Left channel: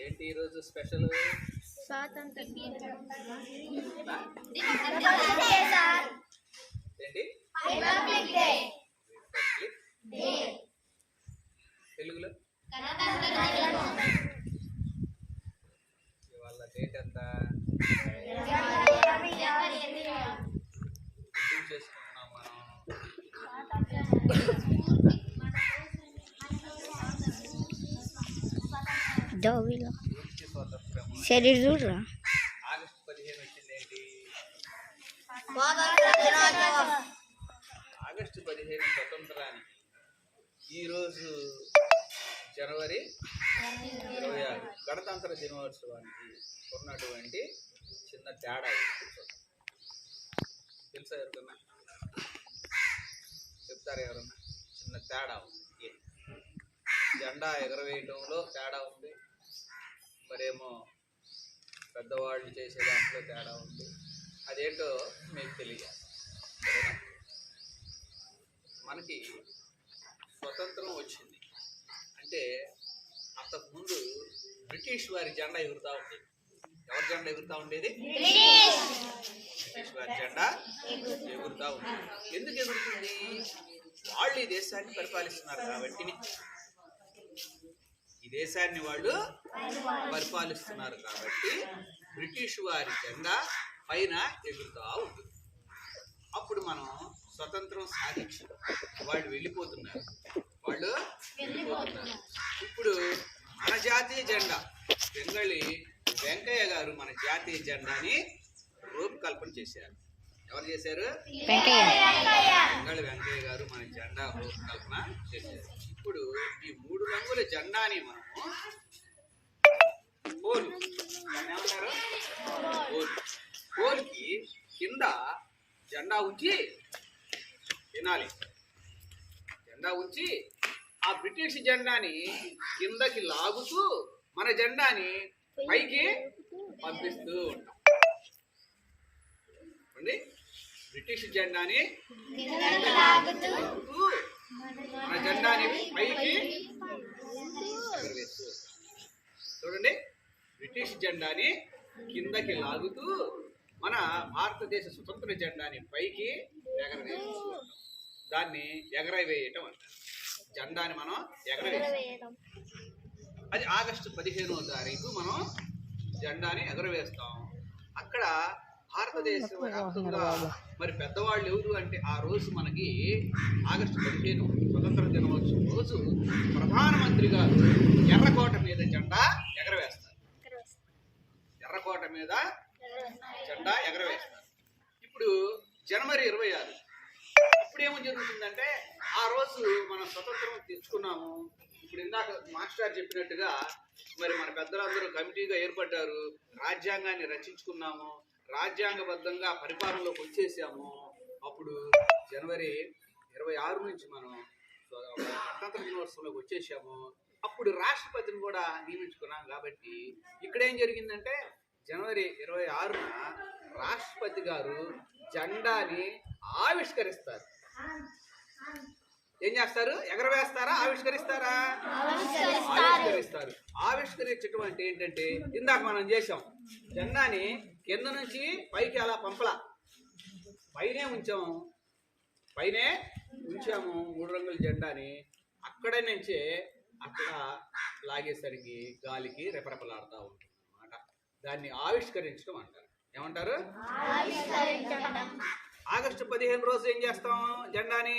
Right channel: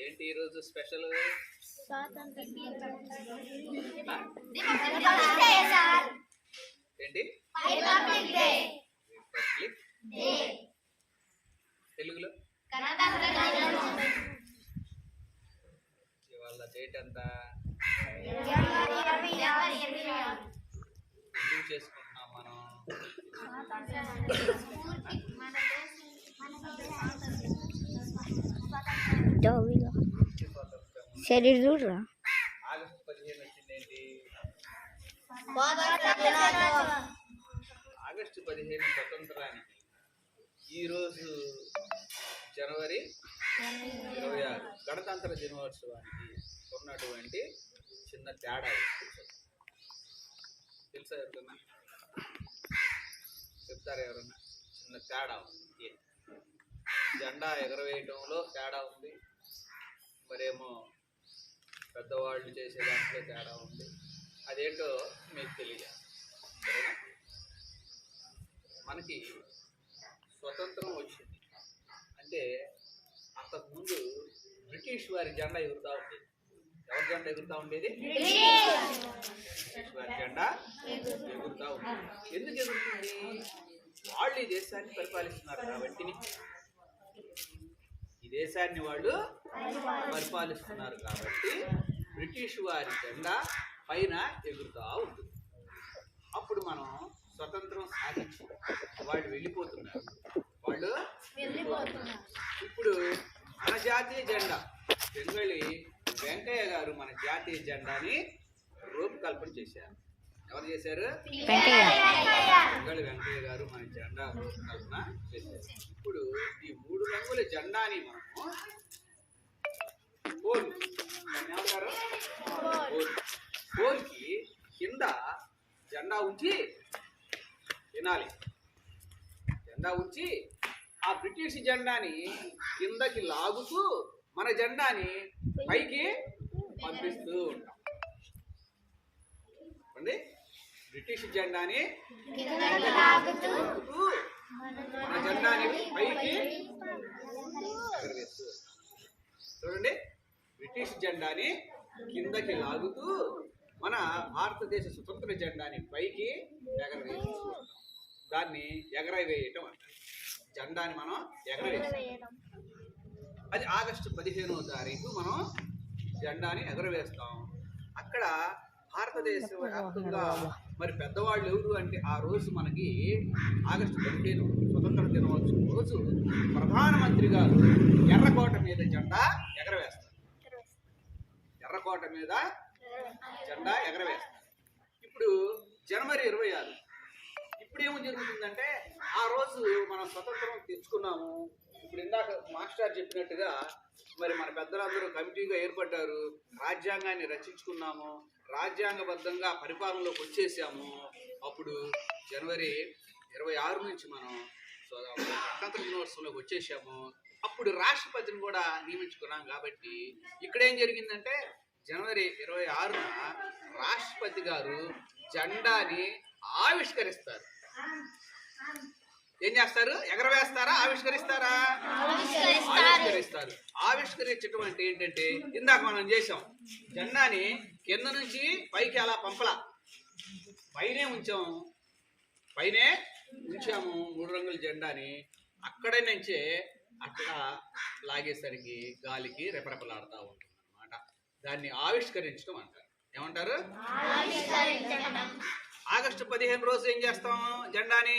ఏంటి ఈరోజు స్పెషల్? ఏంటి? తెలుగులో? ఇవాళ డేట్ ఎంత ఎందుకు చేసుకుంటున్నాం మనం డోవిలో శరీర చూడరా. ఆగస్టు పదిహేను ఆగస్టు పదిహేను స్వతంత్రానికి ఈరోజు జనవరి ఇరవై ఆరు. గణతంత్ర దినోత్సవానికి ఉన్నటువంటి చిన్న తేడా తెలుసా ఎవరికన్నా? చెప్తారా ఎవరన్నా? చిన్న తేడా ఉంది. జెండా ఎగరవేయటంలో తేడా ఉంది. మరేమో పెద్దవాళ్ళు చేసే దాంట్లో తేడా ఉంది. అదేంటో మీకు తెలియాలి సరేనా? మనకి స్వతంత్రం వచ్చింది. అంటే అంతకుముందు బ్రిటిష్ వారి జెండా ఎగురుతూ ఉండేది. ఎవరి జెండా ఎగురుతూ ఉండేది? బ్రిటిష్ వారి జెండా ఎగురుతూ ఉండేది. ఎందుకు ఎగురుతుంది? వాళ్ళు ఈ దేశాన్ని పరిపాలిస్తున్నారు కాబట్టి. దేశాన్ని వాళ్ళు పరిపాలిస్తున్నారు. కాబట్టి బ్రిటిష్ వారి జెండా పైన ఎగురుతూ ఉంటుంది అప్పుడు మనం స్వతంత్రం సాధించి వాళ్ళు వెళ్ళిపోతున్నారు. వాళ్ళు వెళ్ళిపోతున్నారు. ఇప్పుడు మన జాతీయ జెండా బెంగళి వెంకయ్య గారు మన జాతీయ జెండాని రూపకల్పన చేశారు. ఎవరు చేశారు? వెంకయ్య. బెంగళి వెంకయ్య గారు మన జెండా రూపకల్పన చేశారు. ఇప్పుడు ఈ మూడు రంగుల జెండాని మనము పోలు. దాన్ని ఏమంటారు? పోలు. పోల్కి కింద జెండా ఉంచి తినాలి జెండా ఉంచి ఆ బ్రిటిష్ జెండాని కిందకి లాగుతూ మన జెండాని పైకి పంపిస్తూ ఉంటాం. అండి బ్రిటిష్ జెండాని మన జెండాని పైకి ఎగరవేస్తూ. చూడండి బ్రిటిష్ జెండాని కిందకి లాగుతూ మన భారతదేశ స్వతంత్ర జెండాని పైకి ఎగరవేస్తూ ఉంటాం దాన్ని ఎగరవేయటం అంటారు. జెండాని మనం ఎగరవేస్తాం. అది ఆగస్టు పదిహేనవ తారీఖు మనం జెండాని ఎగరవేస్తాం. అక్కడ భారతదేశ వ్యాప్తంగా మరి పెద్దవాళ్ళు ఎవరు అంటే ఆ రోజు మనకి ఆగస్టు పదిహేను స్వతంత్ర దినోత్సవం రోజు ప్రధానమంత్రి గారు ఎర్రకోట మీద జెండా ఎగరవేస్తారు. ఎర్రకోట మీద జెండా ఎగరవేస్తారు. ఇప్పుడు జనవరి ఇరవై ఆరు. ఇప్పుడు ఏమో జరుగుతుందంటే ఆ రోజు మనం స్వతంత్రం తెచ్చుకున్నాము. ఇప్పుడు ఇందాక మాస్టర్ చెప్పినట్టుగా మరి మన పెద్దలందరూ కమిటీగా ఏర్పడ్డారు. రాజ్యాంగాన్ని రచించుకున్నాము. రాజ్యాంగబద్ధంగా పరిపాలనలోకి వచ్చేసాము. అప్పుడు జనవరి ఇరవై ఆరు నుంచి మనం గణతంత్ర దినోత్సవంలోకి వచ్చేసాము. అప్పుడు రాష్ట్రపతిని కూడా నియమించుకున్నాం కాబట్టి ఇక్కడ ఏం జరిగిందంటే జనవరి ఇరవై ఆరున రాష్ట్రపతి గారు జెండాని ఆవిష్కరిస్తారు. ఏం చేస్తారు? ఎగరవేస్తారా? ఆవిష్కరిస్తారా? ఆవిష్కరిస్తారు. ఆవిష్కరించడం అంటే ఏంటంటే ఇందాక మనం చేసాం జెండాని కింద నుంచి పైకి అలా పంపలా. పైనే ఉంచాం. పైనే ఉంచాము మూడు రంగుల జెండాని. అక్కడ నుంచే అట్లా లాగేసరికి గాలికి రెపరెపలాడుతూ ఉంటుంది అనమాట దాన్ని ఆవిష్కరించడం అంటారు. ఏమంటారు? ఆగస్టు పదిహేను రోజు ఏం చేస్తాం జెండాని?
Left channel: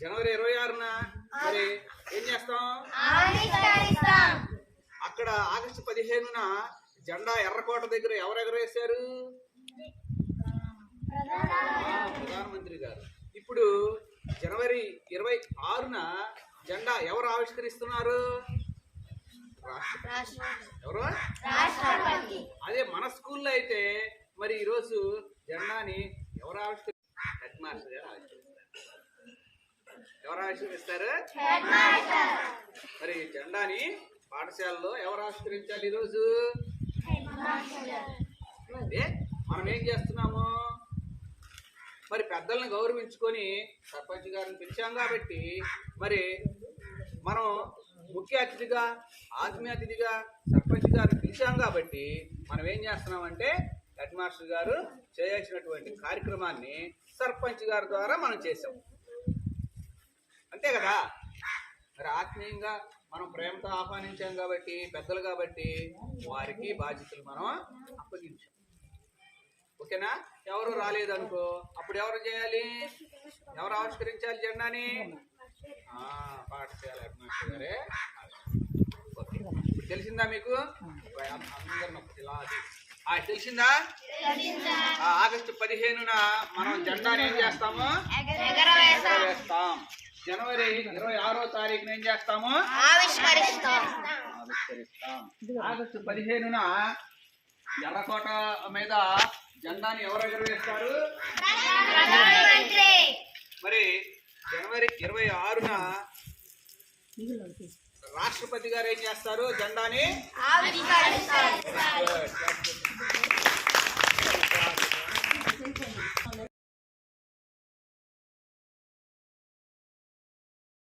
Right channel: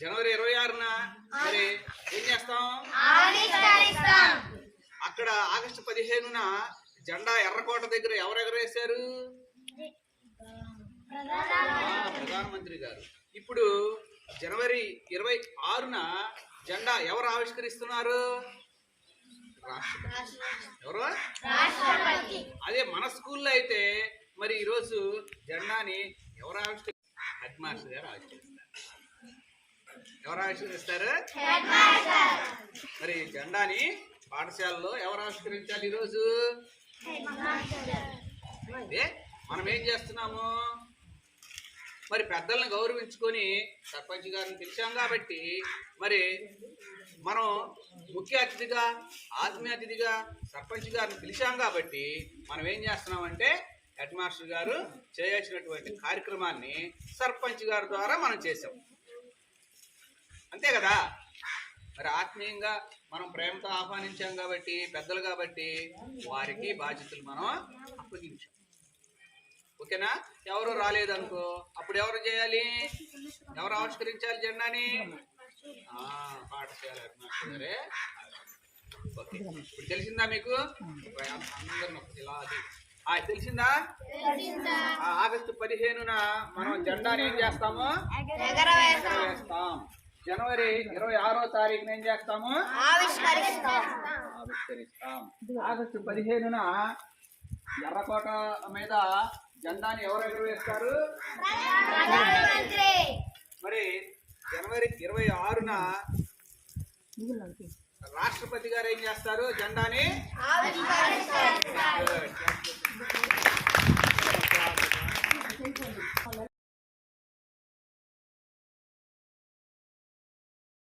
జనవరి ఇరవై ఆరున మరి ఏం చేస్తాం? అక్కడ ఆగస్టు పదిహేనున జెండా ఎర్రకోట దగ్గర ఎవరు ఎగరేశారు? ప్రధానమంత్రి గారు. ఇప్పుడు జనవరి ఇరవై ఆరున జెండా ఎవరు ఆవిష్కరిస్తున్నారు? ఎవరు? అదే మన స్కూల్లో అయితే మరి ఈరోజు జెండాని ఎవరు ఆవిష్కరి హెడ్ మాస్టర్ గారు ఆవిష్కరిస్తారు. ఎవరు ఆవిష్కరిస్తారు? మరి జెండాని పాఠశాలలో ఎవరు ఆవిష్కరించాలి ఈరోజు? మనం ఏం చేస్తున్నాము? మరి పెద్దల్ని గౌరవించుకొని సర్పంచ్ గారిని పిలిచాం కాబట్టి మరి మనం ముఖ్య అతిథిగా ఆత్మీయ అతిథిగా సర్పంచ్ గారిని పిలిచాం కాబట్టి మనం ఏం చేస్తున్నామంటే హెడ్ మాస్టర్ గారు చేయాల్సినటువంటి కార్యక్రమాన్ని సర్పంచ్ గారి ద్వారా మనం చేసాం అంతే కదా? మరి ఆత్మీయంగా మనం ప్రేమతో ఆహ్వానించాం కాబట్టి పెద్దలు కాబట్టి వారికి బాధ్యతలు మనం అప్పగించాం. ఓకేనా? ఎవరు రాలేదనుకో అప్పుడు ఎవరు చేయాలి? ఎవరు ఆవిష్కరించాలి జెండాని? పాఠశాల గారే. ఓకే. ఇప్పుడు తెలిసిందా మీకు? ఒకటి ఇలా అది. తెలిసిందా? ఆ, ఆగస్టు పదిహేనున మనం జెండాని ఏం చేస్తాము? జనవరి ఇరవై ఆరో తారీఖున ఏం చేస్తాము? ఆగస్టు పదిహేనున ఎర్రకోట మీద జెండాని ఎవరు వేస్తారు మరి జనవరి ఇరవై ఆరున రాష్ట్రపతి గారు ఏం చేస్తారు? జెండాని